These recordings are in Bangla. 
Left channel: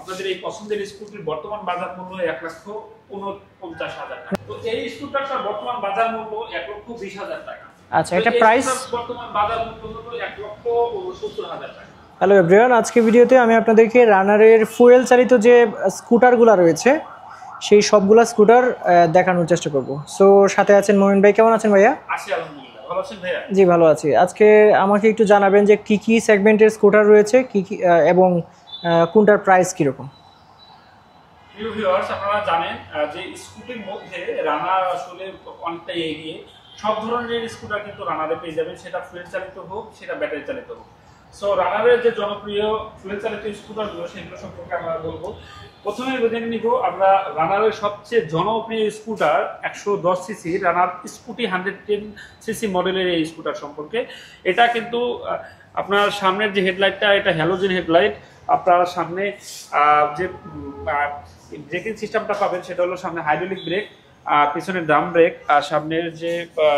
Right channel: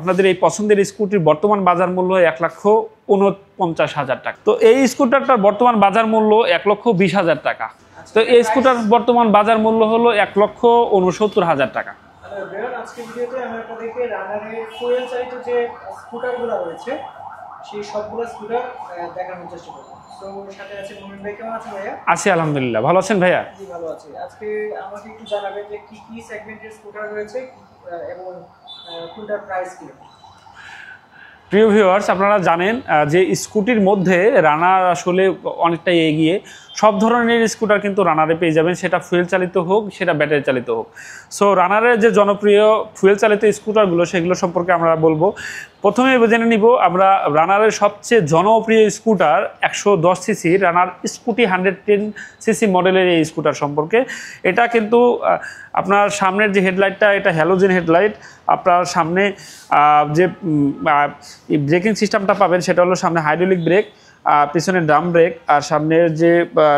আপনাদের এই পছন্দের স্কুটির বর্তমান বাজার মূল্য 1,49,000 টাকা। তো এই স্কুটারটার বর্তমান বাজার মূল্য 1,20,000 টাকা। আচ্ছা, তো এই স্কুটার বর্তমান বাজার মূল্য হলো 1,69,000 টাকা। হ্যালো এভরিওয়ান, আজকে ভিডিওতে আমি আপনাদেরকে রানারের ফুয়েল চালিত যে স্কুটারগুলো রয়েছে সেই সবগুলা স্কুটার দেখানোর চেষ্টা করব। সো সাথে আছেন মোমিন ভাই। কেমন আছেন ভাইয়া? আছি আলহামদুলিল্লাহ, ভালো আছেন ভাইয়া? জি ভালো আছি। আজকে আমাকে একটু জানাবেন যে কি কি সেগমেন্টের স্কুটার রয়েছে, কি কি এবং কোনটার প্রাইস কীরকম। প্রিয় ভিউয়ার্স, আপনারা জানেন যে স্কুটির মধ্যে রানার আসলে অনেকটাই এগিয়ে। সব ধরনের স্কুটার কিন্তু রানারে পেয়ে যাবেন, সেটা ফুয়েল চালিত হোক, সেটা ব্যাটারি চালিত হোক। সো রানারের যে জনপ্রিয় ফুয়েল চালিত স্কুটারগুলো সেগুলো সম্পর্কে আমরা বলবো। প্রথমে জেনে নিব আমরা রানারের সবচেয়ে জনপ্রিয় scooter 110 CC Runner scooty 110 CC মডেলের এই স্কুটার সম্পর্কে। এটা কিন্তু আপনার সামনের যে হেডলাইটটা, এটা হ্যালোজেন হেডলাইট। আপনার সামনে যে ব্রেকিং সিস্টেমটা পাবেন সেটা হলো সামনে হাইড্রোলিক ব্রেক, পিছনে ড্রাম ব্রেক, আর সামনের যে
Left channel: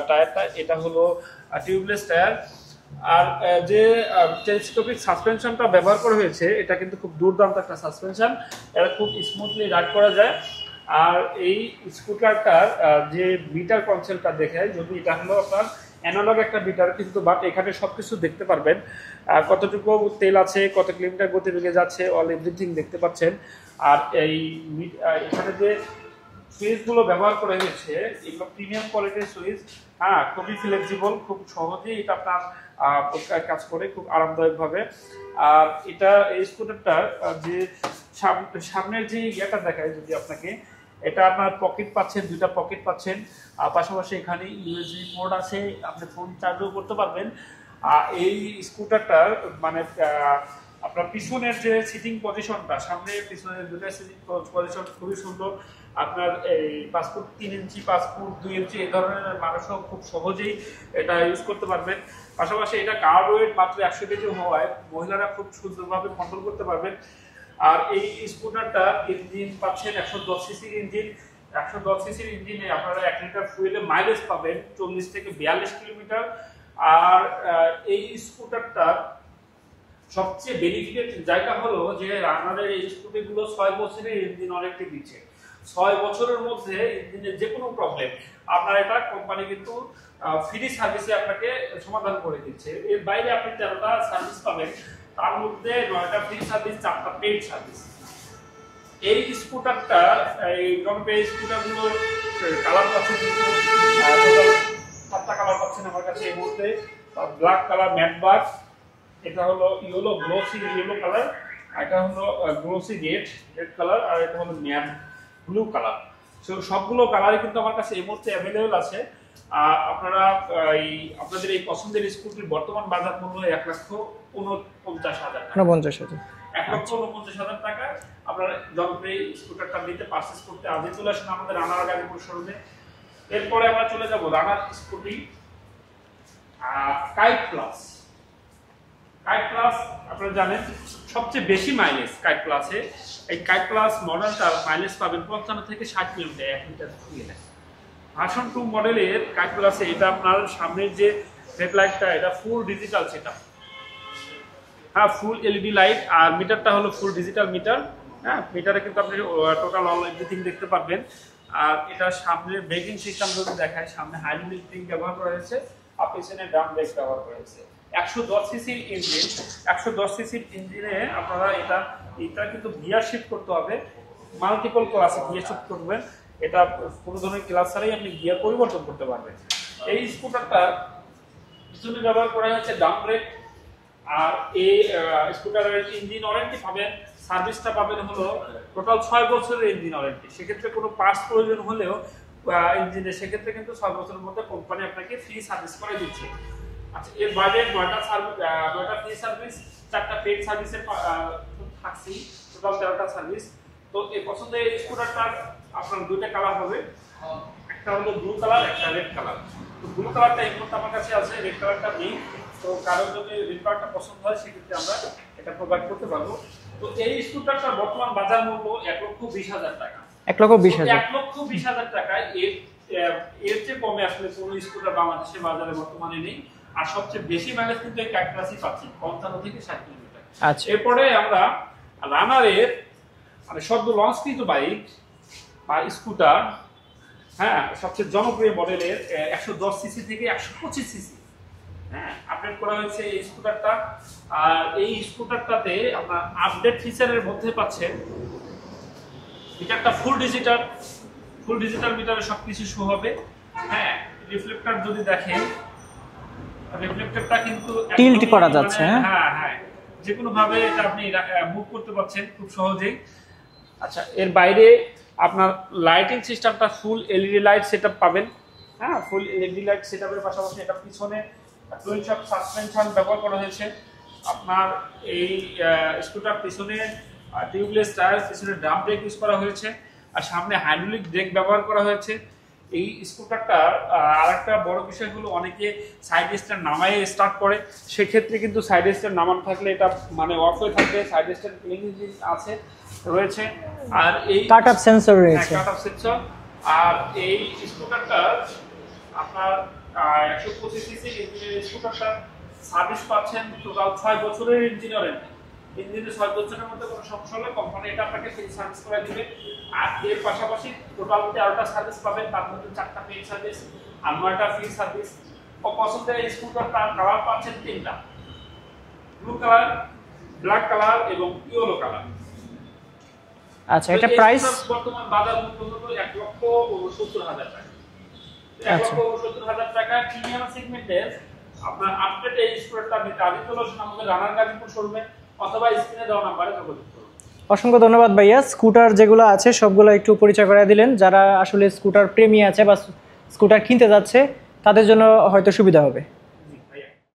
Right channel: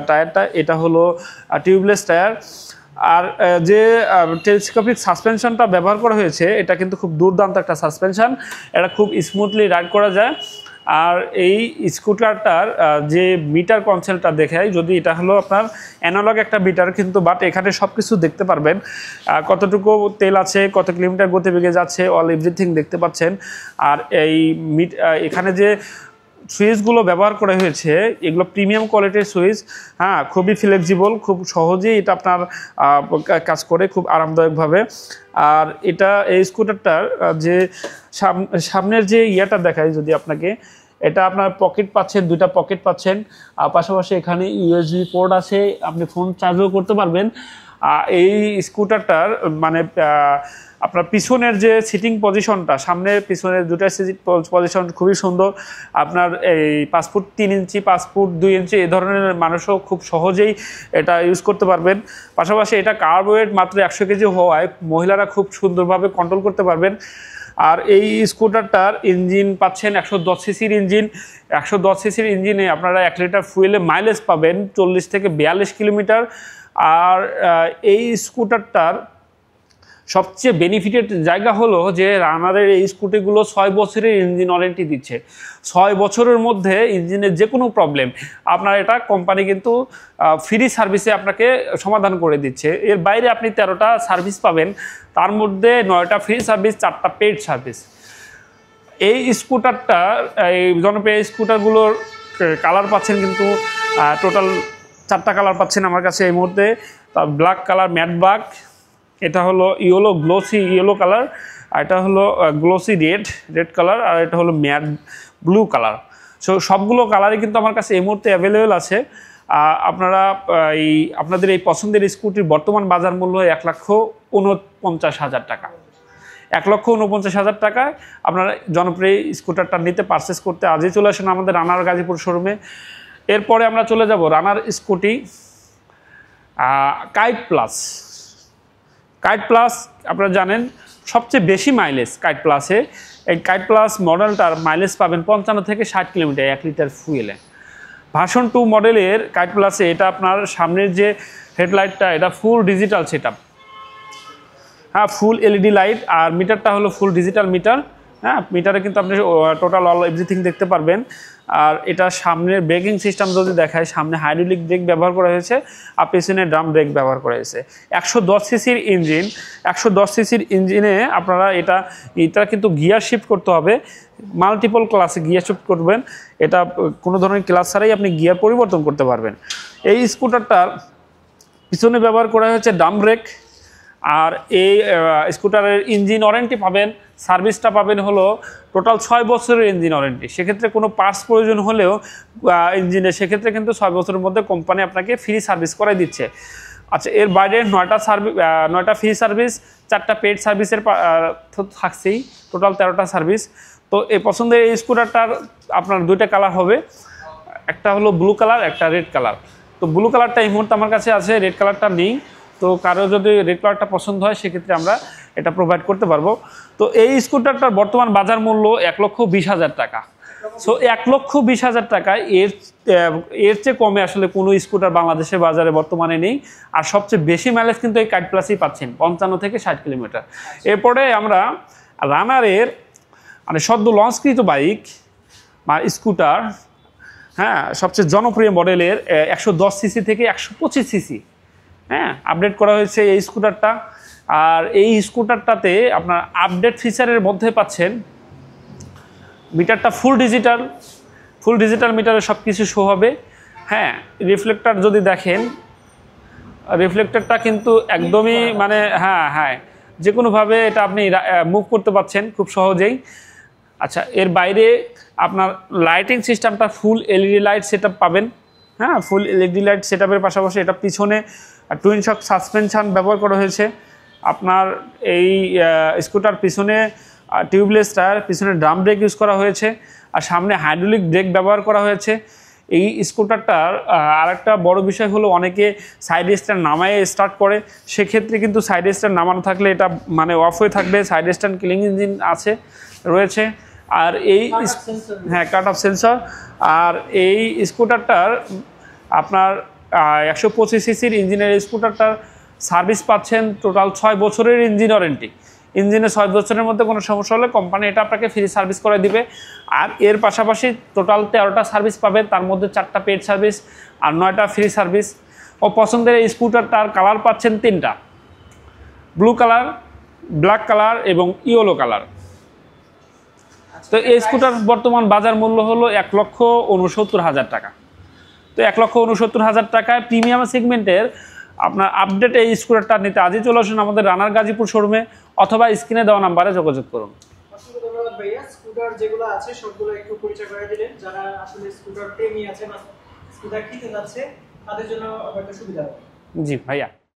টায়ারটা এটা হলো টিউবলেস টায়ার। আর যে টেলিস্কোপিক সাসপেনশনটা ব্যবহার করা হয়েছে এটা কিন্তু খুব দুর্দান্ত একটা সাসপেনশন, এটা খুব স্মুথলি রাইড করা যায়। আর এই স্কুটারটার যে মিটার কনসোলটা দেখায়, যদি এটা হলো আপনার অ্যানালগ একটা মিটার, কিন্তু বাট এখানে সব কিছু দেখতে পারবেন, কতটুকু তেল আছে, কত কিলোমিটার গতিবেগে যাচ্ছে, অল এভরিথিং দেখতে পাচ্ছেন। আর এই এখানে যে সুইচগুলো ব্যবহার করা হয়েছে এগুলো প্রিমিয়াম কোয়ালিটির সুইচ। হ্যাঁ, খুবই ফ্লেক্সিবল, খুব সহজেই এটা আপনার কাজ করে খুব আরামদায়কভাবে। আর এটা এই স্কুটারটার যে সামনের যে ইয়াটা দেখায় যদি আপনাকে, এটা আপনার পকেট পাচ্ছেন, দুইটা পকেট পাচ্ছেন, পাশাপাশি এখানে ইউএসবি পোর্ট আছে, আপনি ফোন চার্জও করতে পারবেন। এই স্কুটারটার মানে আপনার পিছনের যে সিটিং পজিশনটা, সামনের পিছনের দুটা সিটিং পজিশন খুবই সুন্দর। আপনার এই 5 ফুট 3 ইঞ্চি, 5 ফুট 2 ইঞ্চি এই ধরনের মানুষও খুব সহজেই এটা ইউজ করতে পারবেন। পাশাপাশি এটা কার্ব ওয়েট মাত্র 100 কেজি হওয়ায় মহিলারা খুব সুন্দরভাবে কন্ট্রোল করতে পারবেন। আর এই স্কুটারটার ইঞ্জিন পাচ্ছেন 110 সিসির ইঞ্জিন। 110 সিসির ইঞ্জিনে আপনারা 1 লিটার ফুয়েলে মাইলেজ পাবেন 40 থেকে 42 কিলোমিটার। আর এই স্কুটারটার সবচেয়ে বেনিফিটেড জায়গা হলো যে রানারের এই স্কুটিগুলো 6 বছরের ইঞ্জিন ওয়ারেন্টি দিচ্ছে। 6 বছরের মধ্যে ইঞ্জিনের যে কোনো প্রবলেম আপনার এটা কোম্পানি কিন্তু ফ্রি সার্ভিসে আপনাকে সমাধান করে দিচ্ছে। এর বাইরে আপনি 13টা সার্ভিস পাবেন, তার মধ্যে 9টা ফ্রি সার্ভিস, 4টা পেইড সার্ভিস। এই স্কুটারটা, এই জনপ্রিয় স্কুটারগুলোর কালার পাচ্ছেন কিন্তু টোটাল 4টা কালার পাচ্ছেন আমার কাছে এই মুহূর্তে। ব্ল্যাক কালার, ম্যাট ব্ল্যাক, এটা হলো ইয়েলো গ্লোসি ইয়েলো কালার, আর এটা হলো গ্লোসি রেড কালার, আর এটা হলো ম্যাট ব্লু কালার। সো সবগুলো কালারই কিন্তু আমার কাছে এই মুহূর্তে অ্যাভেলেবেল আছে। আপনারা আপনাদের এই পছন্দের স্কুটির বর্তমান বাজার মূল্য 1,49,000 টাকা। 1,49,000 টাকায় আপনারা জনপ্রিয় স্কুটারটা নিতে পারচেস করতে আজই চলে আসেন আমাদের রানার গাজীপুর শোরুমে। এরপরে আমরা চলে যাব Runner scooty kite plus. Kite plus আপনারা জানেন সবচেয়ে বেশি মাইলেজ কাইট প্লাসে। এই কাইট প্লাস মডেলটার মাইলেজ পাবেন 55 থেকে 60 কিলোমিটার 1 লিটার ফুয়েলে। ভার্সন 2 মডেলের কাইট প্লাসে এটা আপনার সামনের যে হেডলাইটটা এটা ফুল ডিজিটাল সেটআপ। হ্যাঁ, ফুল এলইডি লাইট, আর মিটারটা হলো ফুল ডিজিটাল মিটার। হ্যাঁ, মিটারে কিন্তু আপনি টোটাল অল এভরিথিং দেখতে পারবেন। আর এটা সামনের ব্রেকিং সিস্টেম যদি দেখায়, সামনে হাইড্রোলিক ব্রেক ব্যবহার করা হয়েছে, আর পেছনে ড্রাম ব্রেক ব্যবহার করা হয়েছে। 110 সিসির ইঞ্জিন, 110 সিসির ইঞ্জিনে আপনারা এটা কিন্তু গিয়ার শিফট করতে হবে, মাল্টিপল ক্লাসে গিয়ার শিফট করবেন। এটা কোনো ধরনের ক্লাস ছাড়াই আপনি গিয়ার পরিবর্তন করতে পারবেন। এই স্কুটারটার পিছনে ব্যবহার করা হয়েছে ড্রাম ব্রেক। আর এই স্কুটারের ইঞ্জিন ওয়ারেন্টি পাবেন, সার্ভিসটা পাবেন হলো টোটাল 6 বছরের ইঞ্জিন ওয়ারেন্টি। সেক্ষেত্রে কোনো পার্টস প্রয়োজন হলেও ইঞ্জিনে, সেক্ষেত্রে কিন্তু 6 বছরের মধ্যে কোম্পানি আপনাকে ফ্রি সার্ভিস করাই দিচ্ছে। আচ্ছা, এর বাইরে 9টা ফ্রি সার্ভিস, 4টা পেইড সার্ভিসের থাকছেই, টোটাল 13টা সার্ভিস। তো এই পছন্দের এই স্কুটারটার আপনার 2টা কালার হবে, একটা হলো ব্লু কালার, একটা রেড কালার। তো ব্লু কালারটা এই মুহূর্তে আমার কাছে আছে, রেড কালারটা নেই। তো কারো যদি রেড কালারটা পছন্দ হয় সেক্ষেত্রে আমরা এটা প্রোভাইড করতে পারবো। তো এই স্কুটারটার বর্তমান বাজার মূল্য 1,20,000 টাকা। 1,20,000 টাকা। এর চেয়ে কমে আসলে কোনো স্কুটার বাংলাদেশের বাজারে বর্তমানে নেই। আর সবচেয়ে বেশি মাইলেজ কিন্তু এই কাইট প্লাসই পাচ্ছেন, 55 থেকে 60 কিলোমিটার। এরপরে আমরা রানারের মানে সদ্য লঞ্চকৃত বাইক বা স্কুটার, হ্যাঁ, সবচেয়ে জনপ্রিয় মডেলের 110 সিসি থেকে 125 সিসি, হ্যাঁ, আপডেট করা হয়েছে এই স্কুটারটা। আর এই স্কুটারটাতে আপনার আপডেট ফিচারের মধ্যে পাচ্ছেন মিটারটা ফুল ডিজিটাল মিটারে সব কিছু শো হবে। হ্যাঁ, রিফ্লেক্টর যদি দেখেন, রিফ্লেক্টরটা কিন্তু একদমই মানে হ্যাঁ যে কোনোভাবে এটা আপনি মুভ করতে পারছেন খুব সহজেই। আচ্ছা, এর বাইরে আপনার লাইটিং সিস্টেমটা ফুল এলইডি লাইট সেটআপ পাবেন। হ্যাঁ, ফুল এলইডি লাইট সেটআপের পাশাপাশি এটা পিছনে টুইন শক সাসপেনশন ব্যবহার করা হয়েছে। আপনার এই স্কুটার পিছনে টিউবলেস টায়ার, পিছনে ড্রাম ব্রেক ইউজ করা হয়েছে, আর সামনে হাইড্রোলিক ব্রেক ব্যবহার করা হয়েছে। এই স্কুটারটার আরেকটা বড় বিষয় হলো অনেকে সাইড স্ট্যান্ড নামায় স্টার্ট করে, সেক্ষেত্রে কিন্তু সাইড স্ট্যান্ড নামানো থাকলে এটা মানে অফ হয়ে থাকবে। সাইড স্ট্যান্ড কিলিং ইঞ্জিন রয়েছে, আর এই কাট আপ সেন্সর রয়েছে। হ্যাঁ, কাট আপ সেন্সর। আর এই স্কুটারটার আপনার 125 সিসির ইঞ্জিনের স্কুটারটার সার্ভিস পাচ্ছেন টোটাল 6 বছরের ইঞ্জিন ওয়ারেন্টি। ইঞ্জিনে 6 বছরের মধ্যে কোনো সমস্যা হলে কোম্পানি এটা আপনাকে ফ্রি সার্ভিস করে দিবে। আর এর পাশাপাশি টোটাল 13টা সার্ভিস পাবেন, তার মধ্যে 4টা পেড সার্ভিস আর 9টা ফ্রি সার্ভিস। ও পছন্দের এই স্কুটারটার কালার পাচ্ছেন 3টা, ব্লু কালার, ব্ল্যাক কালার এবং ইয়েলো কালার। আচ্ছা, তো এটা এই প্রাইস স্কুটার বর্তমান বাজার মূল্য হলো 1,69,000 টাকা। তো 1,69,000 টাকায় প্রিমিয়াম সেগমেন্টের আপনার আপডেট এই স্কুটারটা নিতে আজই চলে আসুন আমাদের রানার গাজীপুর শোরুমে, অথবা স্ক্রিনে দেওয়া নাম্বারে যোগাযোগ করুন। অসংখ্য ধন্যবাদ ভাইয়া। স্কুটার যেগুলো আছে সবগুলো একটু পরিচয় করে দিলেন। যারা আসলে স্কুটার প্রেমী আছে বা স্কুটার কিনতে যাচ্ছে তাদের জন্য হয়তো সুবিধা হবে। জি ভাইয়া।